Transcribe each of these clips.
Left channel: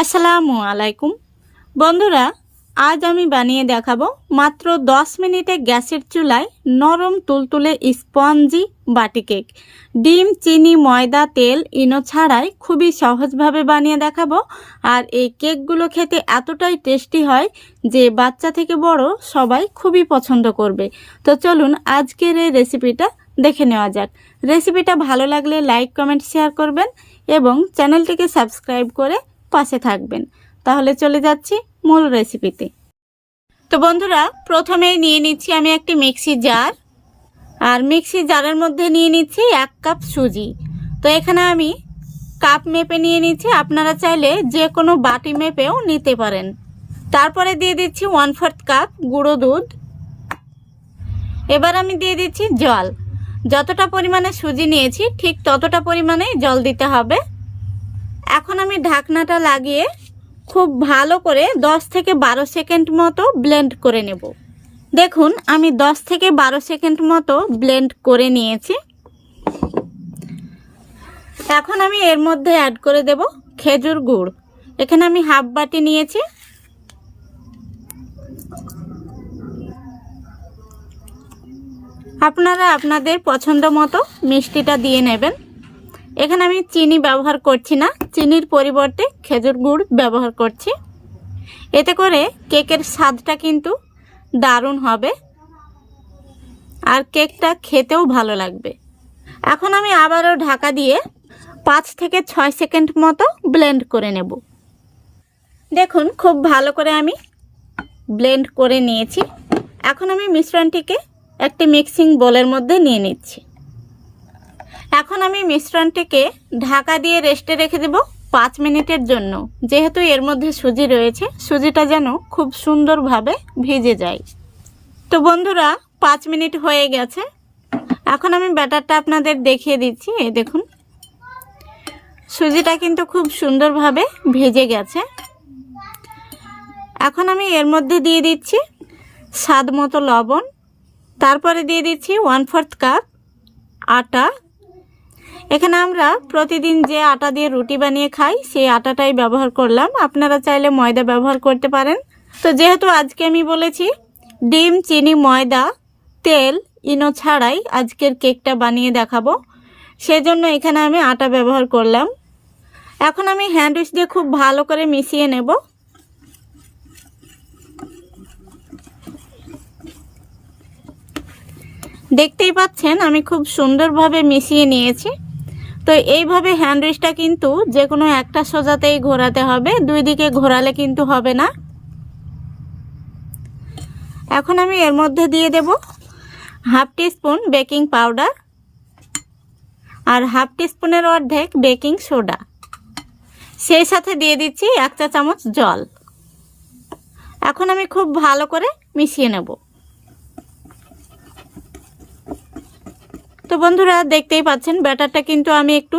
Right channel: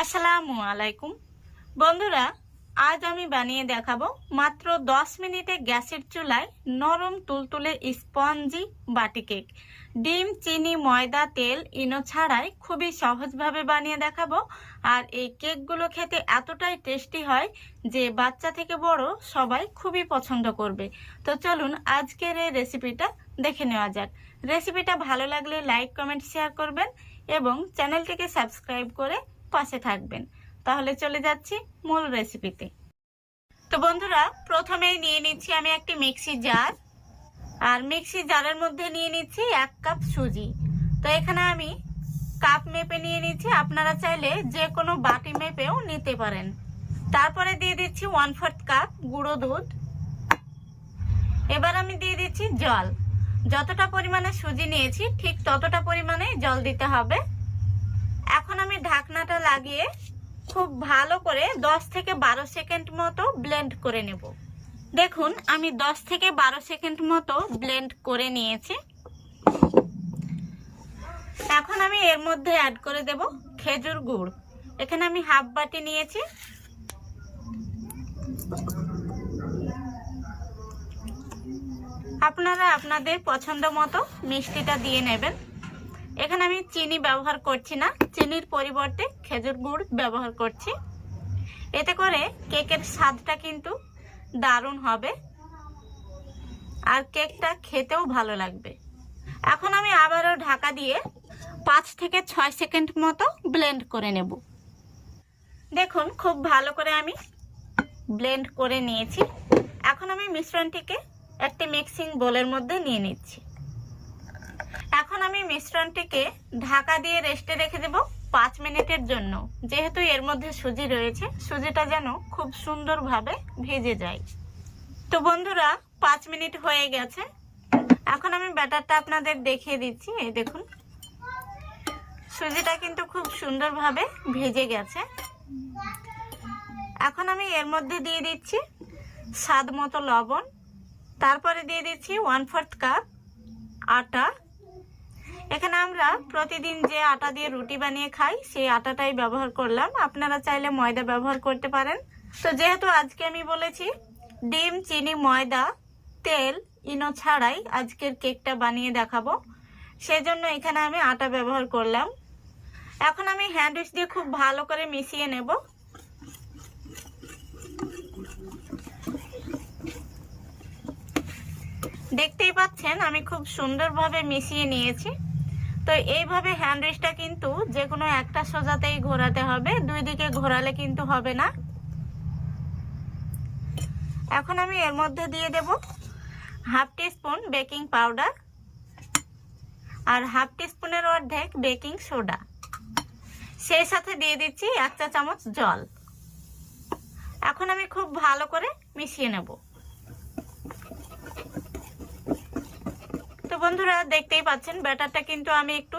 আসসালামু আলাইকুম বন্ধুরা, আজ আমি বানিয়ে দেখাবো মাত্র 10 মিনিটে গ্যাসের চুলায় নরম তুলতুলে স্পঞ্জি বাটি কেক। ডিম, চিনি, ময়দা, তেল, ইনো ছাড়াই খুবই সহজভাবে বানিয়ে দেখাবো। আর এই কেকগুলো খেতে এতটাই টেস্টি হয় যে বাচ্চা থেকে বড় সবাই খুবই পছন্দ করবে। তো চলুন আজকের এই রেসিপিটা দেখে নেওয়া যাক। রেসিপিটা ভালো লাগলে লাইক, কমেন্ট, শেয়ার করবেন এবং চ্যানেলটিকে সাবস্ক্রাইব করে পাশে থাকবেন। তাহলে চলে যাচ্ছি মূল রেসিপিতে। তো বন্ধুরা, প্রথমেই নিয়ে নিচ্ছি আমি একটি মিক্সি জার, আর মিক্সি জারের মধ্যে নিয়ে নিচ্ছি 1 কাপ সুজি। তো এখানে আমি কাপ মেপে নিয়ে নিচ্ছি, আপনারা চাইলে যে কোনো বাটি মেপেও নিতে পারেন। তারপরে দিয়ে দিচ্ছি 1/4 কাপ গুঁড়ো দুধ। এবার আমি দিয়ে দিচ্ছি জল। যতটা পরিমাণে সুজি নিয়েছি ঠিক ততটা পরিমাণে জল দিতে হবে। এখন আমি ঢাকনাটা লাগিয়ে খুব ভালো করে 10 থেকে 12 সেকেন্ড মতো ব্লেন্ড করে নেব। দেখুন আমি 10 থেকে 12 সেকেন্ড মতো ব্লেন্ড করে নিয়েছি। এখন আমি এর মধ্যে অ্যাড করে দেব খেজুর গুড়। এখানে আমি হাফ বাটি নিয়েছি। আপনারা আপনাদের পছন্দ মতো মিষ্টিটা দিয়ে নেবেন। এখানে আমি চিনি ব্যবহার করছি না, চিনির পরিবর্তে খেজুর গুড় ব্যবহার করছি। এতে করে কেকের স্বাদটা কিন্তু দারুণ হবে আর কেকটা খেতেও ভালো লাগবে। এখন আমি আবারও ঢাকা দিয়ে 5 থেকে 6 সেকেন্ড মতো ব্লেন্ড করে নেব। দেখুন খুব ভালো করে আমি ব্লেন্ড করে নিয়েছি। এখন আমি মিশ্রণটিকে একটি মিক্সিং বোলের মধ্যে নিয়ে নিচ্ছি। এখন আমি মিশ্রণটিকে ঢাকা দিয়ে রেস্টে রেখে দেব 5 মিনিটের জন্য। যেহেতু এর মধ্যে সুজি রয়েছে, সুজিটা যেন খুব সুন্দরভাবে ভিজে যায়। তো বন্ধুরা, 5 মিনিট হয়ে গেছে। এখন আমি ব্যাটারটা আপনাদের দেখিয়ে দিচ্ছি। এই দেখুন সুজিটা কিন্তু খুব সুন্দরভাবে ভিজে গেছে। এখন আমি এর মধ্যে দিয়ে দিচ্ছি স্বাদ মতো লবণ। তারপরে দিয়ে দিচ্ছি 1/4 কাপ আটা। এখানে আমরা প্রতিদিন যে আটা দিয়ে রুটি বানিয়ে খাই সেই আটাটাই ব্যবহার করলাম। আপনারা চাইলে ময়দা ব্যবহার করতে পারেন। তো যেহেতু আজকে আমি বলেছি ডিম, চিনি, ময়দা, তেল, ইনো ছাড়াই আজকের কেকটা বানিয়ে দেখাবো, সেজন্য এখানে আমি আটা ব্যবহার করলাম। এখন আমি হ্যান্ড উইচ দিয়ে খুব ভালো করে মিশিয়ে নেব। দেখতেই পাচ্ছেন আমি খুব সুন্দরভাবে মিশিয়ে নিয়েছি। তো এইভাবে হ্যান্ড উইচটা কিন্তু যে কোনো একটা সোজাতেই ঘোরাতে হবে, দুই দিকে ঘোরালে কিন্তু হবে না। এখন আমি এর মধ্যে দিয়ে দেব হাফ টিস্পুন বেকিং পাউডার আর হাফ টিস্পুনের অর্ধেক বেকিং সোডা। সেই সাথে দিয়ে দিচ্ছি 1 চা চামচ জল। এখন আমি খুব ভালো করে মিশিয়ে নেব। তো বন্ধুরা, দেখতেই পাচ্ছেন ব্যাটারটা কিন্তু আমি একটু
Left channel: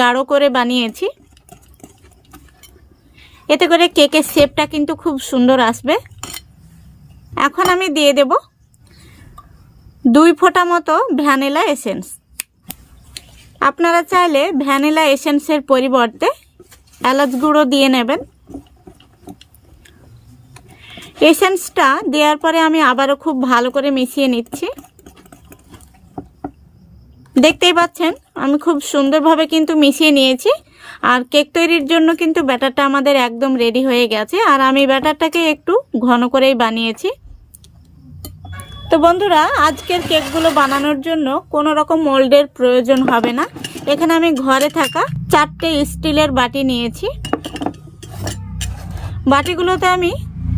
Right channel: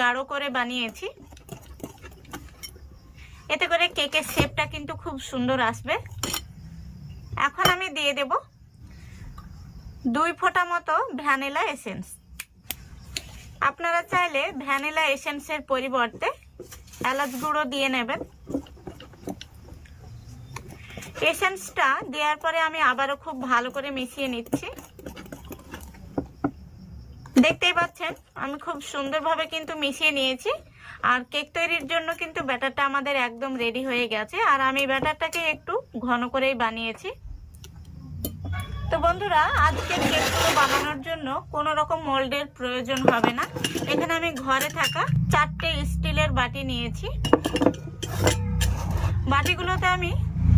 গাঢ় করে বানিয়েছি। এতে করে কেকের শেপটা কিন্তু খুব সুন্দর আসবে। এখন আমি দিয়ে দেব 2 ফোঁটা মতো ভ্যানিলা এসেন্স। আপনারা চাইলে ভ্যানিলা এসেন্সের পরিবর্তে এলাচ গুঁড়ো দিয়ে নেবেন। এসেন্সটা দেওয়ার পরে আমি আবারও খুব ভালো করে মিশিয়ে নিচ্ছি। দেখতেই পাচ্ছেন আমি খুব সুন্দরভাবে কিন্তু মিশিয়ে নিয়েছি। আর কেক তৈরির জন্য কিন্তু ব্যাটারটা আমাদের একদম রেডি হয়ে গেছে। আর আমি ব্যাটারটাকে একটু ঘন করেই বানিয়েছি। তো বন্ধুরা, আজকের কেকগুলো বানানোর জন্য কোনো রকম মোল্ডের প্রয়োজন হবে না। এখানে আমি ঘরে থাকা 4টে স্টিলের বাটি নিয়েছি। বাটিগুলোতে আমি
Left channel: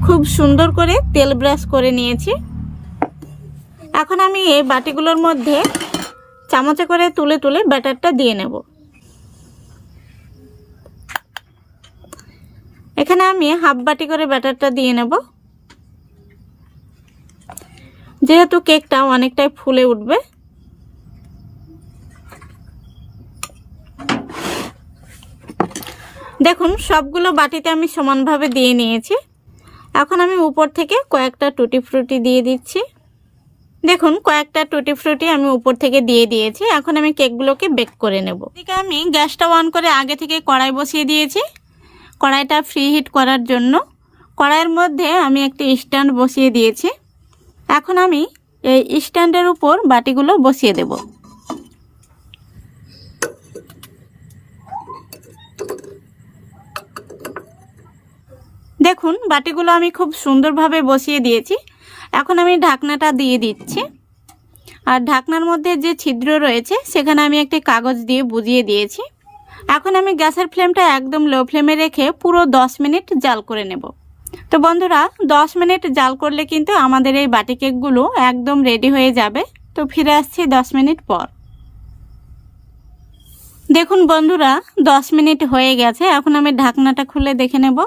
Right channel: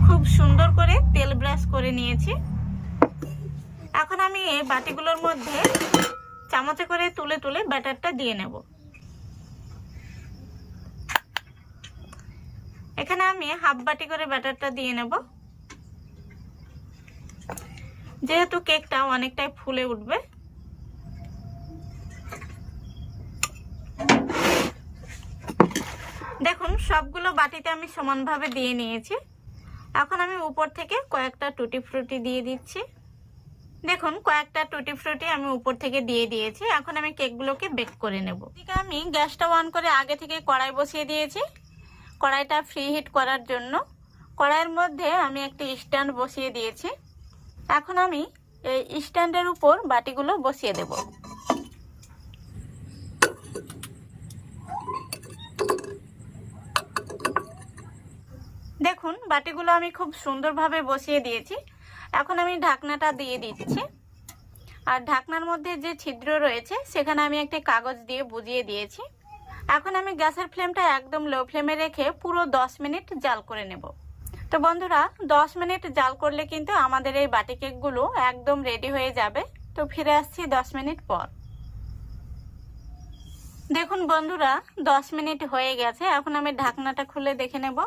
খুব সুন্দর করে তেল ব্রাশ করে নিয়েছি। এখন আমি এই বাটিগুলোর মধ্যে চামচে করে তুলে তুলে ব্যাটারটা দিয়ে নেব। এখানে আমি হাফ বাটি করে ব্যাটারটা দিয়ে নেব, যেহেতু কেকটা অনেকটাই ফুলে উঠবে। দেখুন সবগুলো বাটিতে আমি সমানভাবে দিয়ে নিয়েছি। এখন আমি উপর থেকে কয়েকটা টুটি ফ্রুটি দিয়ে দিচ্ছি। দেখুন কয়েকটা টুটি ফ্রুটি আমি উপর থেকে দিয়ে দিয়েছি। এখন আমি কেকগুলোকে বেক করে নেব। এদিকে আমি গ্যাসটা অন করে আগে থেকে কড়াই বসিয়ে দিয়েছি। কড়াইটা ফ্রি হিট করার জন্য কড়াইয়ের মধ্যে আমি একটি স্ট্যান্ড বসিয়ে দিয়েছি। এখন আমি এই স্ট্যান্ডের উপর বাটিগুলো বসিয়ে দেব। দেখুন বাটিগুলো আমি খুব সুন্দরভাবে বসিয়ে দিয়েছি। এখন আমি ঢাকনাটা দিয়ে দিচ্ছি। আর ঢাকনার মধ্যে যে ছিদ্র রয়েছে সেখানে আমি একটি কাগজ দিয়ে বুজিয়ে দিয়েছি। এখন আমি গ্যাসের ফ্লেমটা একদম লো ফ্লেমে রেখে পুরো 10 মিনিট জাল করে নেব। তো বন্ধুরা 10 মিনিট জাল করলে কিন্তু আমাদের এই বাটি কেকগুলো একদম রেডি হয়ে যাবে। তো ফিরে আসছি 10 মিনিট পর। দেখুন বন্ধুরা 10 মিনিট হয়ে গেছে। এখন আমি ঢাকনাটা খুলে দেখে নেব।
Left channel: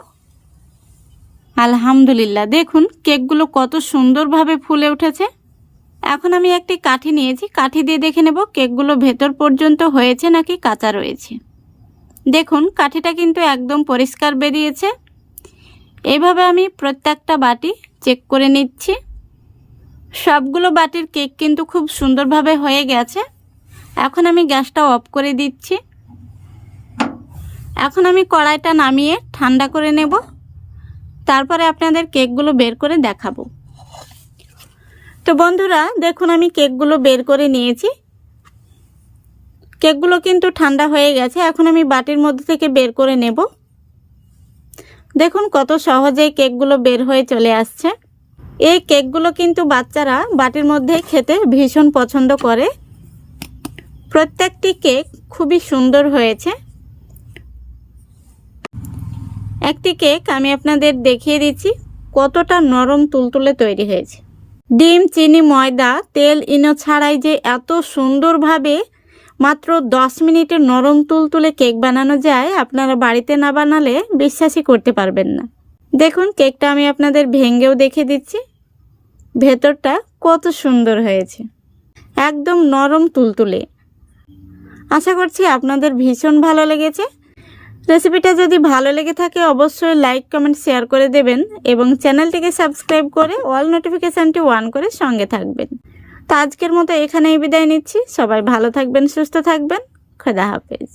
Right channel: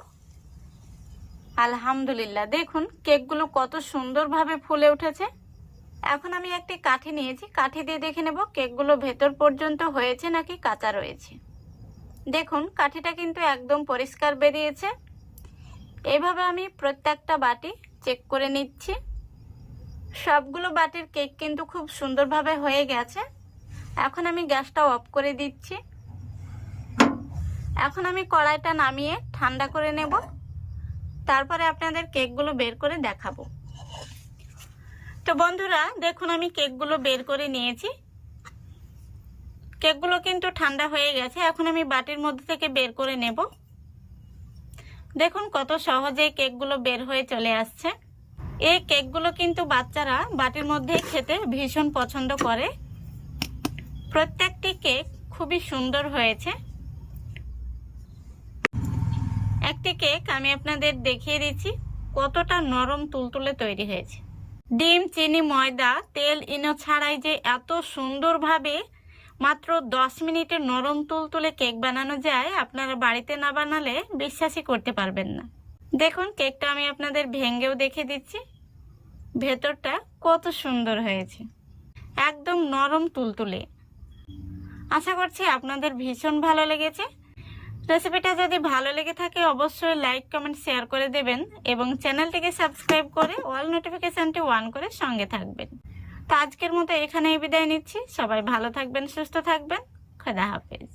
আলহামদুলিল্লাহ, দেখুন কেকগুলো কত সুন্দরভাবে ফুলে উঠেছে। এখন আমি একটি কাঠি নিয়েছি, কাঠি দিয়ে দেখে নেব কেকগুলো ভেতর পর্যন্ত হয়েছে নাকি কাঁচা রয়েছে। দেখুন কাঠিটা কিন্তু একদম পরিষ্কার বেরিয়েছে। এইভাবে আমি প্রত্যেকটা বাটি চেক করে নিচ্ছি। সবগুলো বাটির কেক কিন্তু খুব সুন্দরভাবে হয়ে গেছে। এখন আমি গ্যাসটা অফ করে দিচ্ছি। এখন আমি কড়াইটা নামিয়ে ঠান্ডা করে নেব, তারপরে আপনাদের কেকগুলো বের করে দেখাবো। তো বন্ধুরা দেখুন আমি কেকগুলো বের করে নিয়েছি। কেকগুলো কিন্তু ঠান্ডা হয়ে গেছে। এখন আমি বাটির মধ্যে থেকে বের করে নেব। দেখুন কত সহজেই কেকগুলো বের হয়ে চলে আসছে। এই কেকগুলো কিন্তু বাচ্চারা বাটির মধ্যে খেতে ভীষণ পছন্দ করে। প্রত্যেকটি কেক খুবই সুন্দর হয়েছে। একটি কেক আমি আপনাদের দেখিয়ে দিচ্ছি কতটা নরম তুলতুলে তৈরি হয়েছে। ডিম, চিনি, ময়দা, তেল, ইনো ছাড়াই যে এত সুন্দরভাবে মাত্র 10 মিনিটে নরম তুলতুলে কেক বানানো যায়, আপনারা বাড়িতে না বানালে বিশ্বাসই করতে পারবেন না। দেখুন কেকটা আমি আপনাদের ভেঙেও দেখিয়ে দিচ্ছি। ভেতরটা কত সুন্দর হয়েছে, একদম নরম তুলতুলে। আশা করছি আপনাদের ভীষণ ভালো লেগেছে। রেসিপিটা যদি ভালো লেগে থাকে অবশ্যই লাইক, কমেন্ট, শেয়ার করে দেবেন এবং চ্যানেলটিকে সাবস্ক্রাইব করে অল নোটিফিকেশানটি অন করে সঙ্গে থাকবেন। তো আজকের মতো এখানেই বিদায় নিচ্ছি। সবাই ভালো থাকবেন, সুস্থ থাকবেন। খোদা হাফেজ।